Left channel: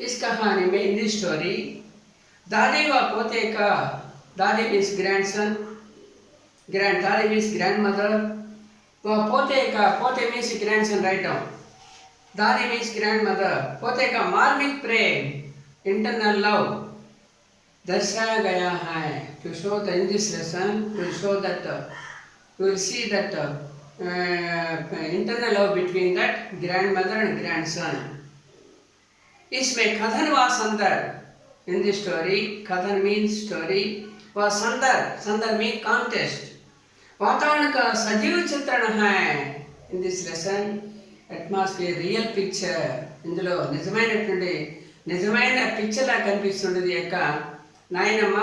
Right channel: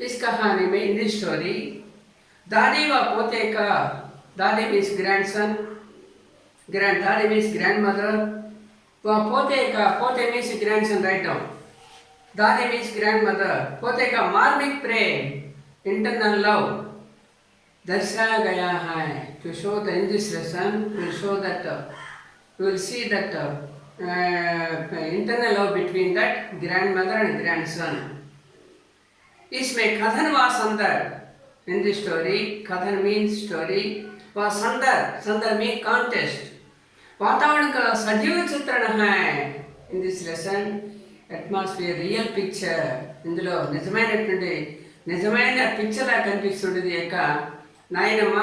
इस कहानी में इन दिस स्टोरी दादी व पोते का दादी मीन्स ग्रैंडसन, ग्रैंड दादी मीन्स ग्रैंडमदर व पोते का पोते मीन्स ग्रैंडसन राइट डाउन, दादी मीन्स ग्रैंडमदर, पोते का मार्मिक प्रेम इंटरनल लव दर्शाया गया है। To show the in this lesson to show that we will see that internal love between that grandmother and grandson. इसमें कथन व संदर्भ इन द स्टोरी, कथन मीन्स स्टोरी व संदर्भ, संदर्भ मीन कॉन्टेस्ट, वातावरण का सजीव चित्रण है। इन this lesson atmosphere real picture, ఇందులో నిజమైన పిక్చర్లా కనిపిస్తుండేది యొక్క నాయనమ్మ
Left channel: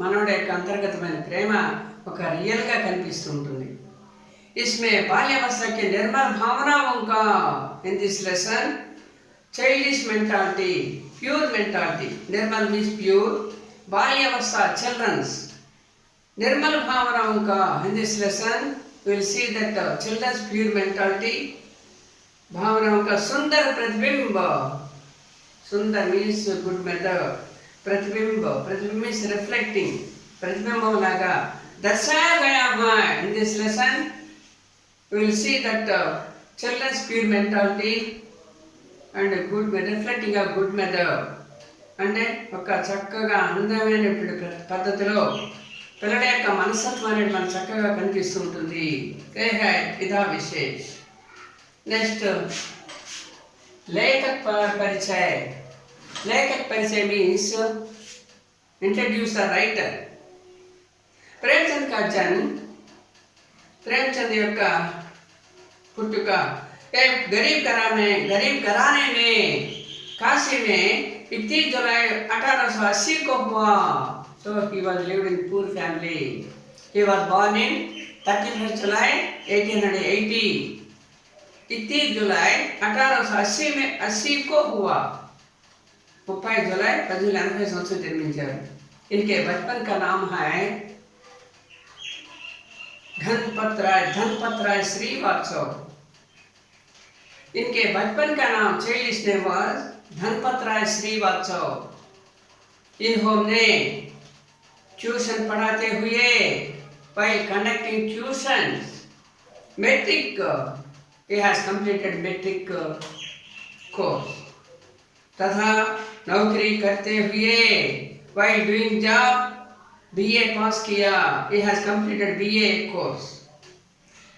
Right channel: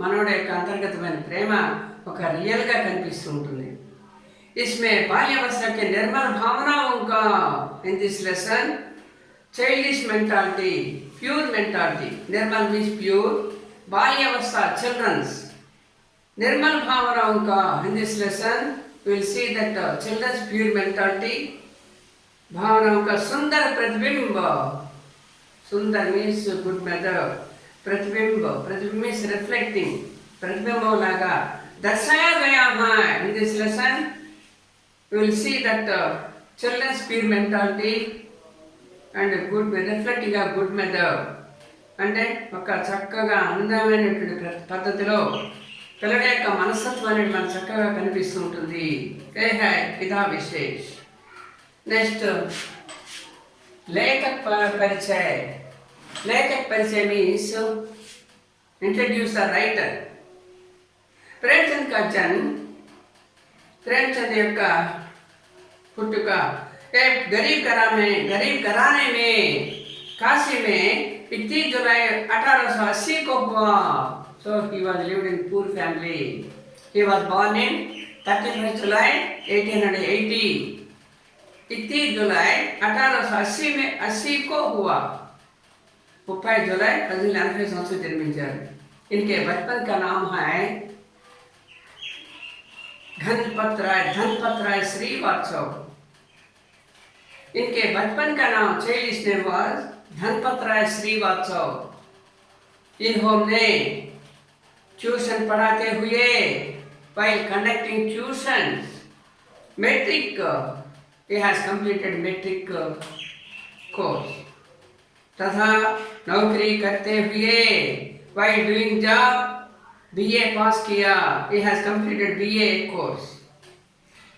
మనవడి యొక్క అంతర్గతమైన ప్రేమ ఒక రియల్గా కనిపిస్తూ ఉంటుంది। इसमें बाल्यावस्था के निर्मल भावनाओं का in this lesson childish mentality, pure mentality, निर्मल मीन्स प्योर, बाल्यावस्था चिल्ड्रंस, निर्मल भावनाओं का in this lesson will see that childrens pure mentality, भावनाओं का सुंदर प्रतिबिंब, सुंदर मीन्स गुड मेथड, प्रतिबिंब, प्रतिबिंब मीन्स रिफ्लेक्टिंग, प्रतिबिंब लागा दर्शाया गया है। इन this lesson we will see that children's pure mentality and good reflecting a good method, అంటే ఒక చక్కగా అందమైనటువంటి పద్ధతిలో పిల్లల యొక్క మనస్తత్వం అనేది మనకు చక్కగా కనిపిస్తుంటుంది। ఇదా విశేష్। నెక్స్ట్ లేఖక్ పరిచయ, లేఖక్ పరిచయ means introduce the writer. Premchand का जन्म, प्रेमचंद యొక్క पुटुका एक गरीब घराने में काशी में 31 जुलाई 1880 को हुआ। So he was lived in poor family. He was born in 31 July 1880. 31 जुलाई 1880 में 80 को हुआ। 30 जुलाई 1880 संवत्सరం जन्मिంచారు। इनके बचपन का नाम है धनपत राय श्रीवास्तव। इनके बचपन का नाम चाइल्डिश नेम वाज धनपत राय श्रीवास्तव। इन्होंने ट्यूशन पढ़ाते हुए while conducting tuitions metric, he has completed metric course, तथा नौकरी करते हुए while doing job BA पास किया, he has completed BA course।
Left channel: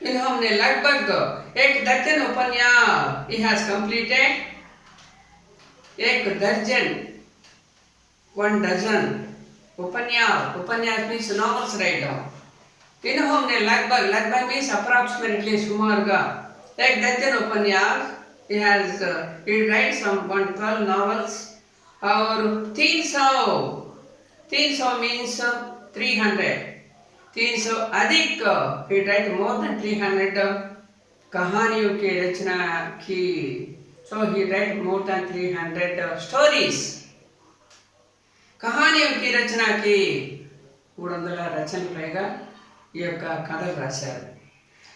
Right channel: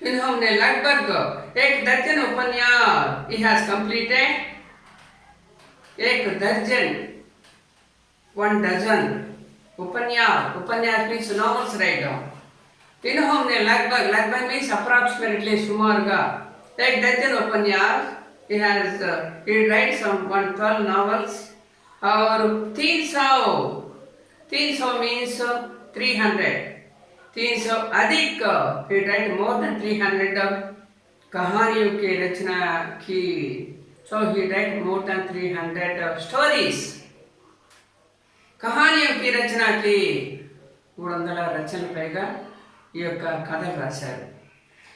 इन्होंने लगभग 1 दर्जन उपन्यास, he has completed 1 दर्जन 1 डजन उपन्यास मीन्स नॉवेल्स राइट डाउन। इन्होंने लगभग मीन्स अप्रॉक्सिमेटली सुमारुगा 1 दर्जन उपन्यास, he writes some 112 novels और 300 मीन्स 300 अधिक, he write more than 300 कहानियों की रचना की। So he write more than 300 stories, कहानियों की रचना की। 300 रचनలు పైగా ఈ యొక్క కథలు రాశారు।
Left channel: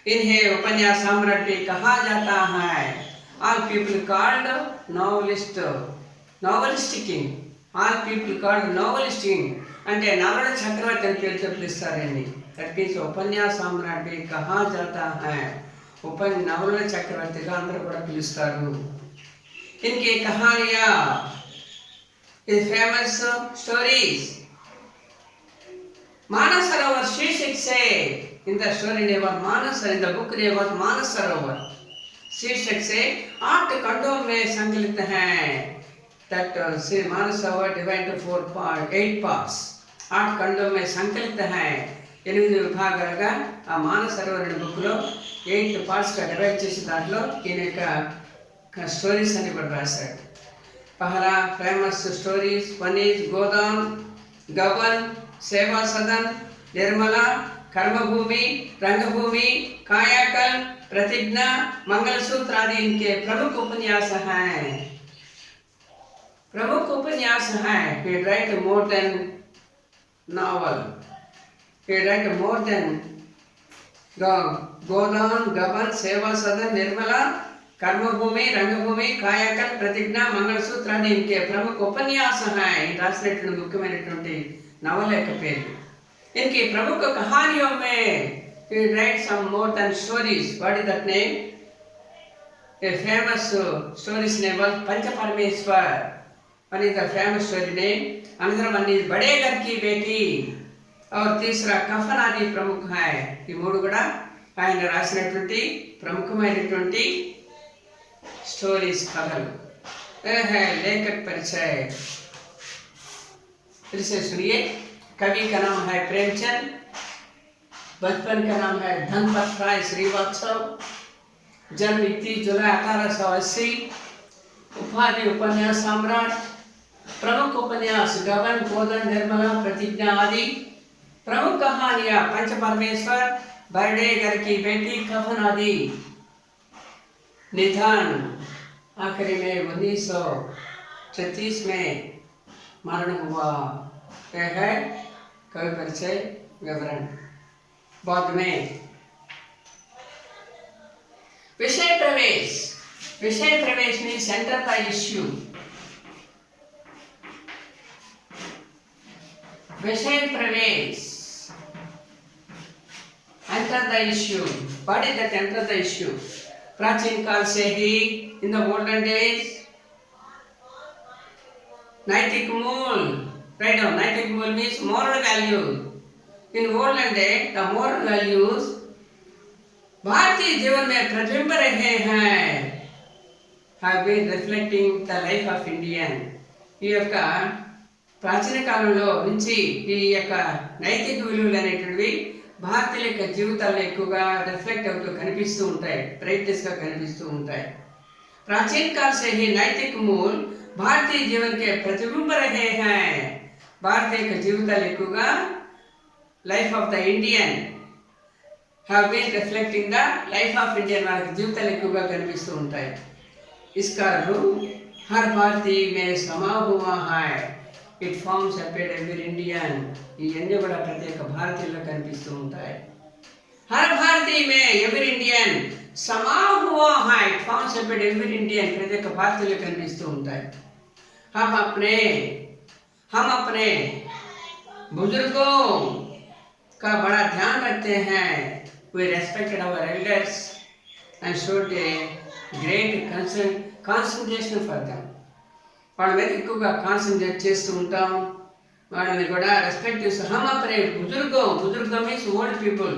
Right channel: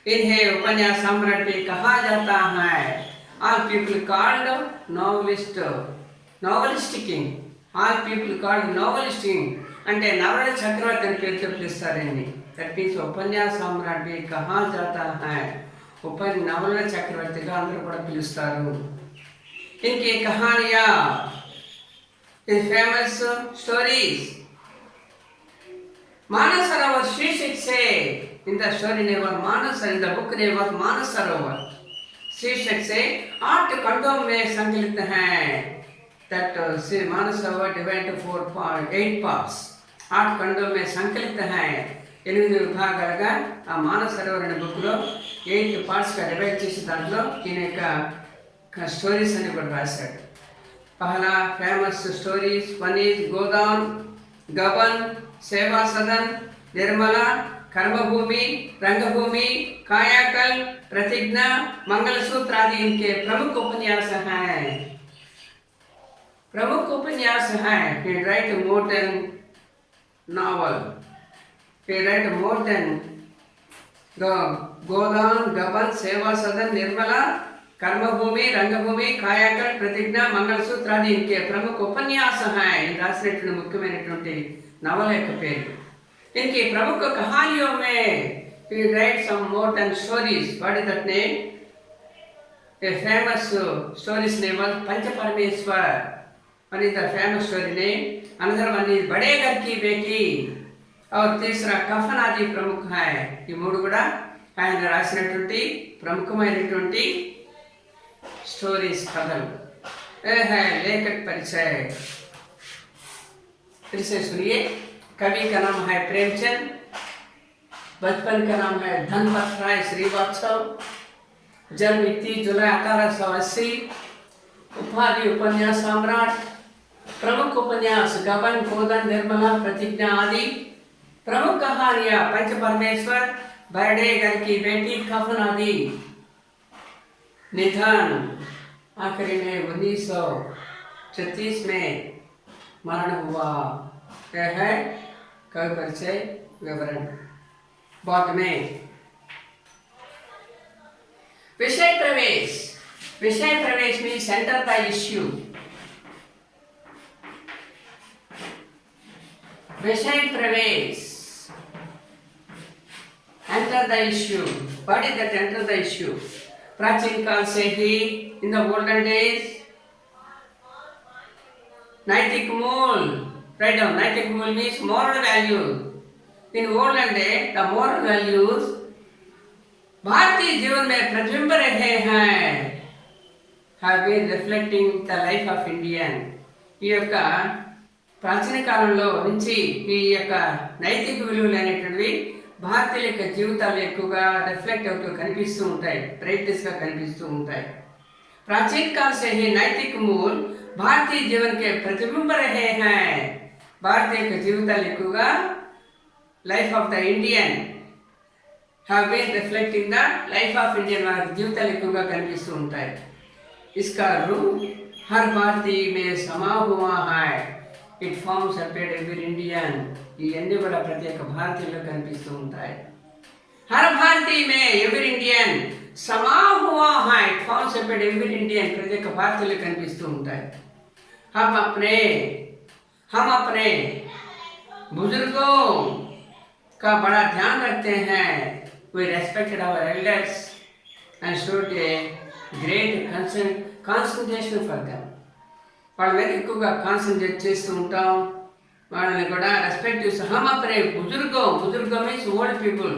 इन्हें उपन्यास सम्राट भी कहा जाता है। All people called novelist king, all people called novelist king అంటే నవల చక్రవర్తి అని పేరుతో పిలుస్తారండి। దట్ మీన్స్ ఉపన్యాస సమ్రాట్ भी कहा जाता है, నవల చక్రవర్తిగా అందరూ కూడా పిలుస్తారు। इनकी कहानियाँ फेमस स्टोरीज मानस सरोवर शीर्षक से, in the story name was Manas, in the book name was Manas Sarovar शीर्षक से 8 खंडों में संकलित हैं। That Manas Sarovar divide two 8 parts, 8 खंडों में संकलित हैं। 8 విభాగాలుగా ఆ మానస సరోవర్ అనే బుక్లో 8 పార్ట్స్గా డివైడ్ చేసి దాంట్లో ఈయన యొక్క స్టోరీస్ అని కూడా రాశాడు। पहला फेमस स्टोरीज 1 is गोदान, गबन, सेवा सदन, निर्मला, कर्मभूमि, रंगभूमि, कायाकल, प्रतिज्ञा, मंगलसूत्र आदि इनके प्रमुख उपन्यास हैं। He write more than novel, he write more than गोदान, गबन, सेवा सदन, निर्मला, कर्मभूमि, रंगभूमि, कायाकल्प, प्रतिज्ञा, मंगलसूत्र आदि इनके प्रमुख उपन्यास हैं। इन रासिनటువంటి ముఖ్యమైనటువంటి నవల యొక్క పేరు। इनकी प्रमुख कहानियों में he write some more than stories. What is that name? A famous stories name was पंच परमेश्वर। One is the famous story name. Another one is बड़े घर की बेटी और तीसरा कफन आदि प्रमुख है। ఈ మూడు కూడా ఆయన రాసినటువంటి ప్రముఖమైనటువంటి स्टोरीज कथल। यह है लेखक परिचय। फिर से सुनिए। कवि का नाम है प्रेमचंद, बचपन का नाम है धनपत राय श्रीवास्तव, जन्म 31 जुलाई 1880, उपाधि उपन्यास सम्राट, प्रमुख उपन्यास गबन, कोदन, निर्मला, प्रतिज्ञा आदि, प्रमुख कहानियां पंच परमेश्वर, बड़े घर की बेटी, कफन आदि। निधन आखिरी में 1936 में मरण हुआ। यह है कवि परिचय विवरण। बाद में विषय प्रवेश। विषय प्रवेश में सेंटर द इश्यू। विषय प्रवेश enter the issue. What is that enter the issue? प्राचीन काल से ही इन द ओल्डन डेज नैतिक मूल, राइट डाउन, नैतिक मूल means moral values. In olden days the moral values Bharatiya Jeevan में प्रतिबिंब रहे हैं, have been reflecting the life of Indian. ఈ యొక్క ప్రాచీన కాలంలో నుంచి ఈ యొక్క నైతిక విలువలు అనేటువంటివి భారతీయుల యొక్క జీవితాలు ఎక్కువగా రిఫ్లెక్ట్ అవుతూ కనిపిస్తూ ఉంటాయి, బ్రైట్నెస్గా కనిపిస్తూ ఉంటాయి। प्राचीन काल से ही नैतिक मूल भारतीय जीवन के प्रतिबिंब रहे हैं। भारतीय के जीविताలు ఎక్కువగా life of the Indian have been reflecting the life of Indian वाली जीविताలు ఎక్కువగా కనిపిస్తూ ఉంటాయి। इसका रूप हर भारतीय में समा हुआ है। It forms appear every Indian. ఇవన్నీ కూడా ప్రతి ఒక్క భారతీయుల్లో కనిపిస్తూ ఉంటాయి। हर भारतीय में एवरी इंडियन समा हुआ है। It forms appear every Indian प्रति ఒక్క భారతీయుల్లో కనిపిస్తూ ఉంటాయి। हम अपने बुजुर्गों का बड़ा ध्यान रखते हैं। We respected our elders and showed a great concentration for them. వాళ్ళ మీద ఎక్కువగా కాన్సన్ట్రేట్ చేస్తూ ఉంటాం, వాళ్ళని కూడా రెస్పెక్ట్ చేస్తూ। हम अपने बुजुर्गों मीन्स ओल्ड पीपल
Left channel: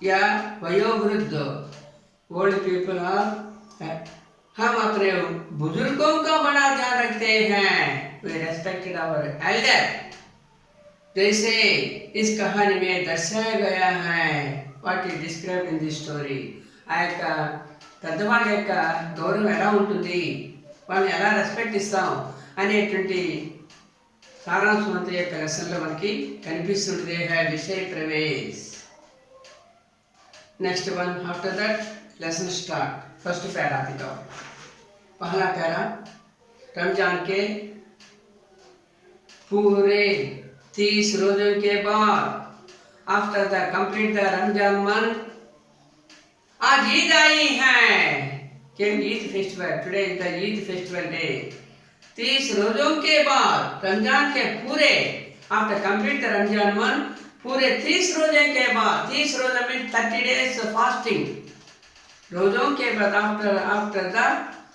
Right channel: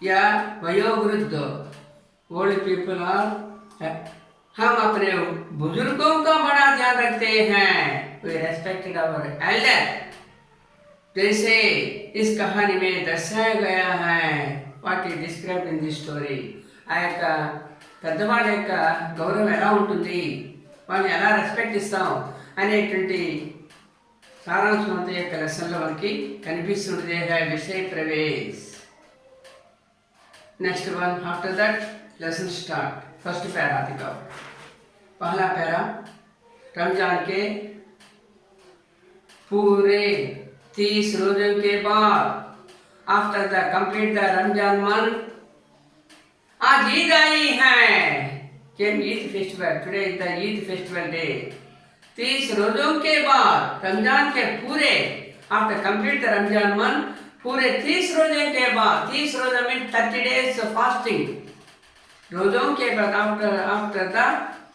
या वयोवृद्ध ओल्ड पीपल और हम अपने बुजुर्गों का बड़ा ध्यान रखते हैं। We respected our elder। जैसे इस कहानी में दर्शाया गया है, what is described in this story। ఆ యొక్క పెద్దవాళ్ళ యొక్క గౌరవం ఎలా ఉంటుంది, వాళ్ళని ఎలా రెస్పెక్ట్ ఇస్తాం అనేటువంటి సారాంశం అంతా యొక్క లెసన్లో మనకి కనిపిస్తుంటుంది। है विषय प्रवेश। Next one after that lesson start. First para दिखाओ। पहला पैरा, रमजान के पूरे 30 रोजों के बाद, after the complete the Ramzan month, आज ईद आई है। Came Eid festival, today is the Eid festival day. 30 रोजों के बाद, रमजान के पूरे, after complete the Ramzan month, पूरे 30 रोजे के बाद, 30 रोजा मीन 30 days फास्टिंग। रोजों के बाद after the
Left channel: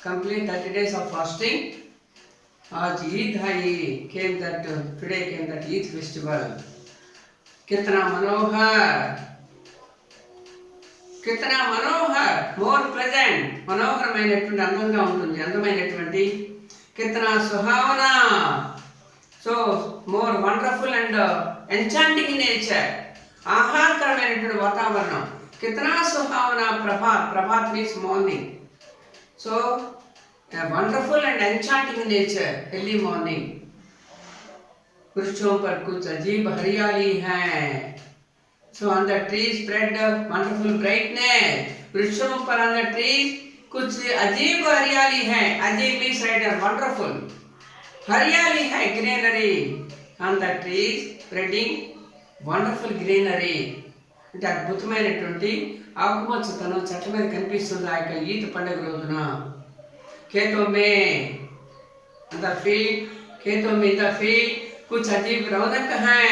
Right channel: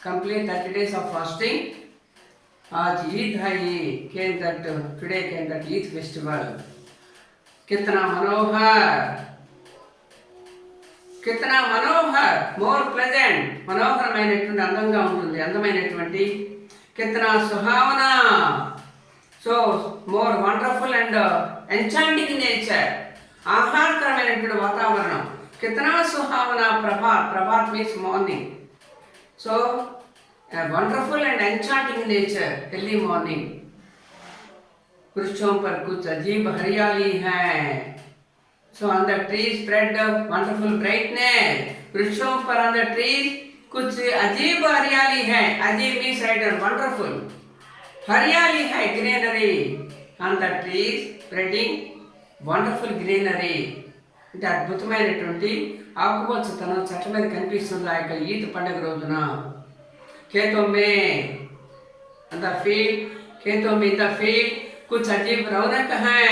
complete 30 days of fasting, आज ईद है। Came that today came that Eid festival. कितना मनोहर, कितना मनोहर, मोर प्लेजेंट, मनोहरమైనటువంటి అందంగా ఉంటుంది, అందమైనటువంటి। कितना सुहावना, so more wonderful and enchanting nature, ఆహ్లాదకరమైనటువంటి వాతావరణం। कितना सुहावना, प्रभात means morning. So wonderful and enchanting nature, early morning. वृक्षों पर कुछ अजीब हरियाली है। So on the tree spread wonderful brightness. वृक्षों पर ऑन द ट्री कुछ अजीब हरियाली है। अजीब मीन्स राइटर वंडरफुल, हरियाली है, greenery on the tree spreading wonderful greenery. అంటే అద్భుతమైనటువంటి ఆకుపచ్చతనం చెట్ల మీద కనిపిస్తుంది ఆ యొక్క ఈద్ పండుగ రోజున. खेतों में अंदर फील्ड, खेतों में द फील्ड कुछ अजीब रौनक है,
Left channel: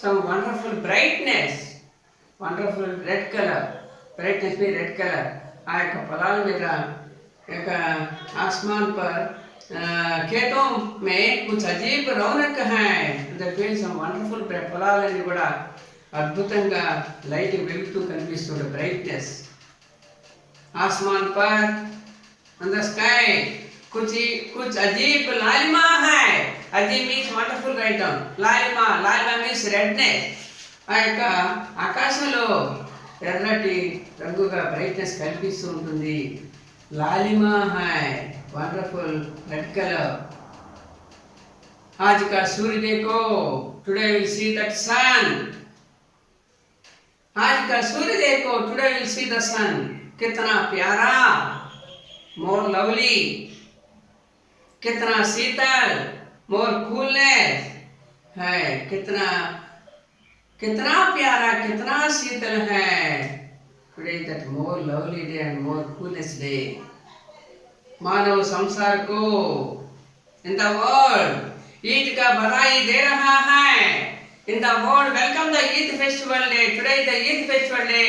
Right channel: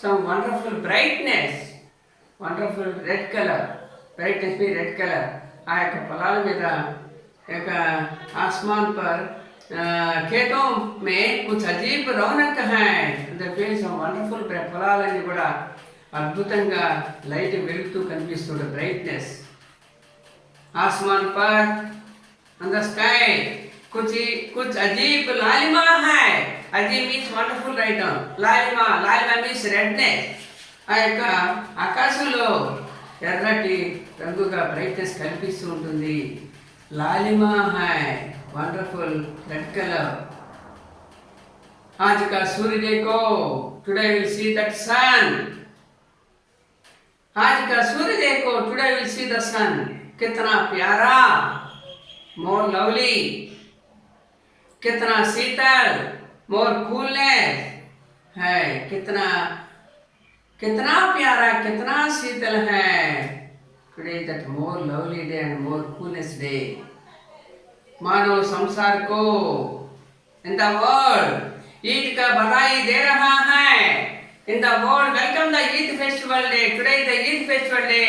some wonderful brightness, wonderful red color, brightness में रेड कलर आ యొక్క పొలాల మీద యొక్క आसमान पर खेतों में कुछ अजीब रौनक है, the fields some wonderful పొలాలన్నీ కూడా అద్భుతంగా లైట్ వెలుగుతూ కనిపిస్తుంది, బ్రైట్నెస్. आसमान पर on the sky कुछ अजीब लालिमा है. अजीब मीन्स వండర్ఫుల్ రైట్ డౌన్. లాలిమా మీన్స్ రెడ్నెస్. ఆ యొక్క ఆకాశంలో ఎర్రటి రంగుగా బ్రైట్నెస్ కనిపిస్తూ ఉంటుంది. లాలిమా है వండర్ఫుల్ రెడ్ కలర్. आज का सूर्य देखो, टुडे विल सी दैट सन. आज का सूर्य देखो, टुडे विल सी द सन. कितना प्यारा, मोर लवली, कितना शीतल, मोर कूलनेस है. कितना कितना प्यारा, कितना शीतल है. Today that more lovely day and more coolness day. मानव संसार को इन द वर्ल्ड ईद का बधाई दे रहा है. In the world welcome the Eid festival day. Today the Eid festival day.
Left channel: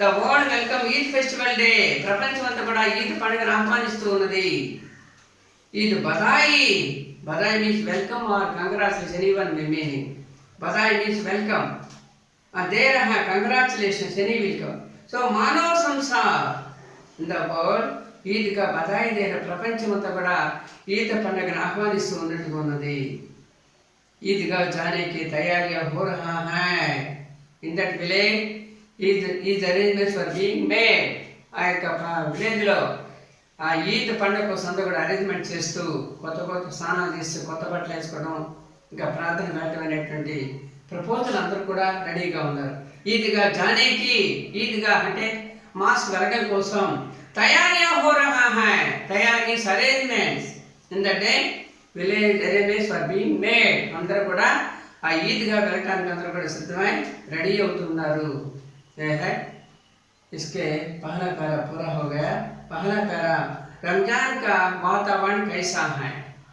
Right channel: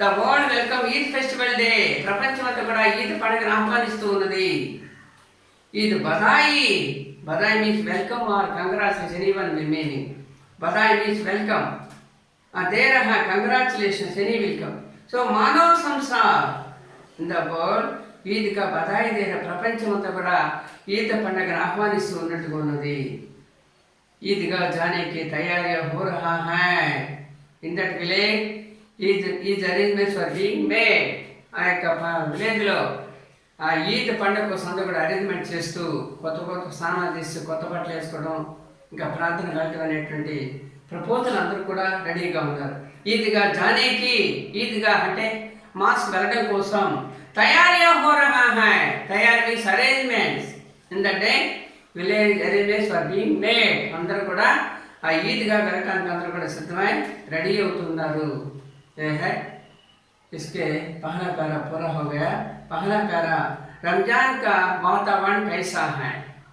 The world welcome Eid festival day. ప్రపంచమంతా కూడా ఈద్ పండుగను ఆహ్వానిస్తూ ఉన్నది. ఈద్ బధాయి. బధాయి means welcome or congratulation. Even meaning బధాయి మీన్స్ వెల్కమ్. దే రహా కంగ్రాచులేషన్స్, ఎనీ వెల్కమ్. సో మానవ సంసార్ ఇన్ ద వరల్డ్ ఈద్ కా బధాయి దే. ప్రపంచమంతా కూడా ఈద్ పండుగను ఆహ్వానిస్తూ ఉన్నట్టుగా ఉన్నది. ఈద్గా జానే కి తయారీగా హో రహా హై. In that village is arrangements for being made. ఆ యొక్క విలేజ్లో ఆ ఈద్ పండుగ కోసం అంతా కూడా అరేంజ్మెంట్ చేస్తూ కొత్త స్నానాలు చేస్తూ కొత్త బట్టలు వేసుకోవడం, ఇంకా ప్రార్థన వెళ్ళటం అనేటువంటి ప్రపోజల్ అందరూ కూడా రెడీగా ఉన్నారు. ఈద్గా జానేకి, ఈద్గా అంటే మాస్ వెళ్ళడం కోసం తయారీగా హో రహా హై. తయారీ means arrangements. In the day village arrangements for being made. అందరూ కూడా ఆ ఈద్గా వెళ్ళటానికి అందరూ కూడా సిద్ధమై రెడీ అవుతున్నారు. है इसके पहला पैरा पूरा हो गया. पहला पैरा रमजान का वातावरण कैसा है,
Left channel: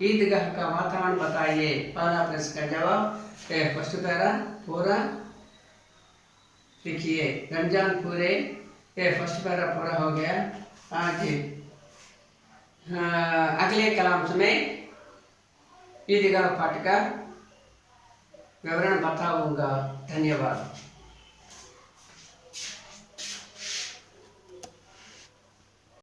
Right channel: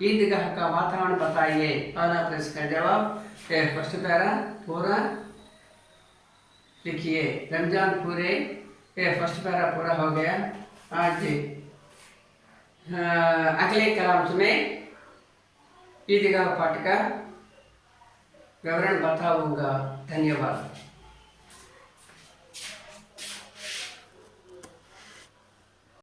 ईदगाह का वातावरण बताइए. पहला प्रश्न का जवाब फर्स्ट पैरा पूरा लिखिए. रमजान पूरे फर्स्ट पैरा पूरा हो गया. आज अगले कलाम में ईदगाह पाठ का विवरण बताऊंगा. धन्यवाद.